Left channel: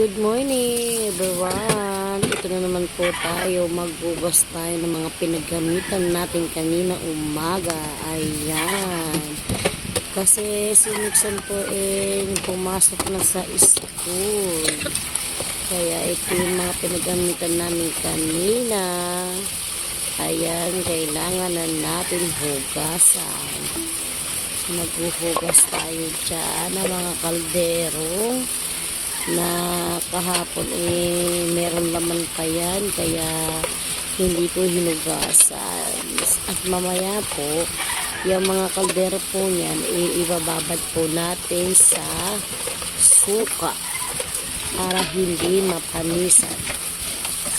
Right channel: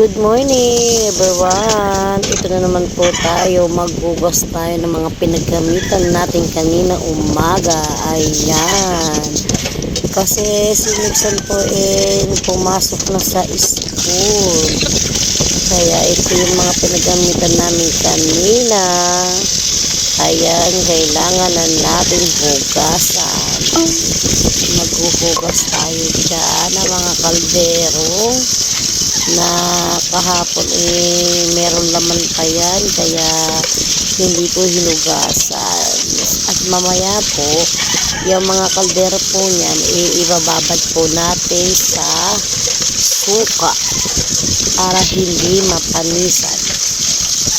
Good morning everyone. Ito na naman po tayo. Maghugas tayo ng mga pinaggamitan natin kanina umaga. Ayan. Kasi si Nixon po pumasok na sa school. Kaya ito yung mga pinaggamitan namin kanina. Ayan, kailangan na natin hugasan. Maghuhugas tayo dyan ng mga kaldero na kahapon meron laman pa yan, kaya hindi po hinugasan. At mamaya po yung mga kaldero po niyan ibababad po natin sa suka para hindi mapanisan.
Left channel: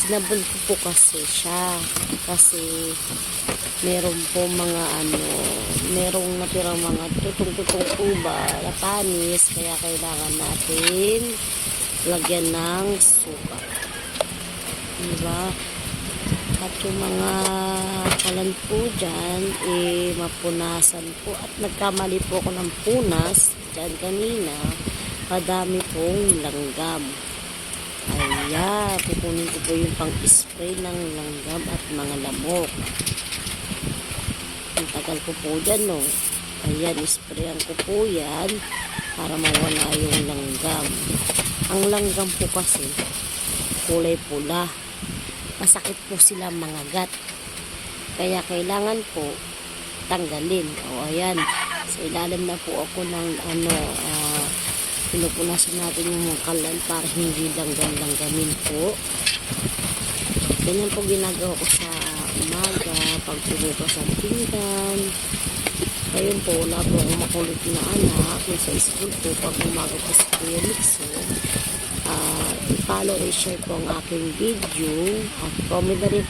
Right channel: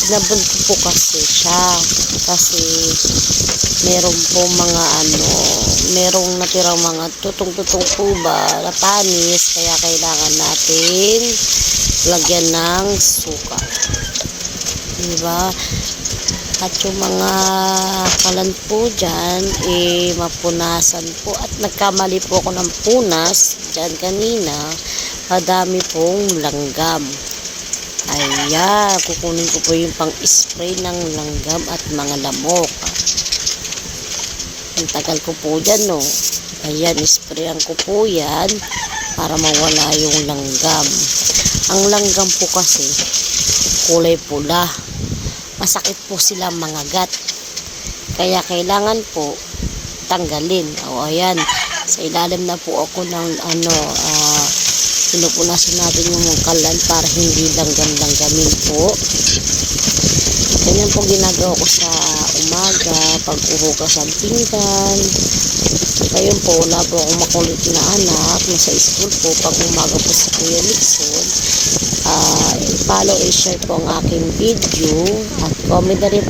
Sinabon ko po kasi siya kasi meron po mga merong natirang mga tutong-tutong po ba na panis, kaya kailangan natin lagyan ng suka, diba? At yung mga kalan po dyan mapunasan po, at nagkamali po ako ng punas dyan kanina, madami pong langgam. Ayan, kukunin ko po yung pang-spray ng langgam at mga lamok. Ang tagal ko po dyan, no? Ayan, sprayan ko po yan para mawala yung langgam. Ang langgam po kasi kulay pula. Masakit po sila mangagat. Kaya kailangan po tanggalin. O, ayan, sa ilalim na po ako ng pinupunasan natin yung mga kalan para hindi langgam-langgamin po. Ganyan po ginagawa ko sa umaga pag uhugas ang pinggan. Ngayon po, wala po akong makulit na anak, nasa school po. Pag umaga po si Kuya Nixon, i-follow, i-share po ang aking video at comment na rin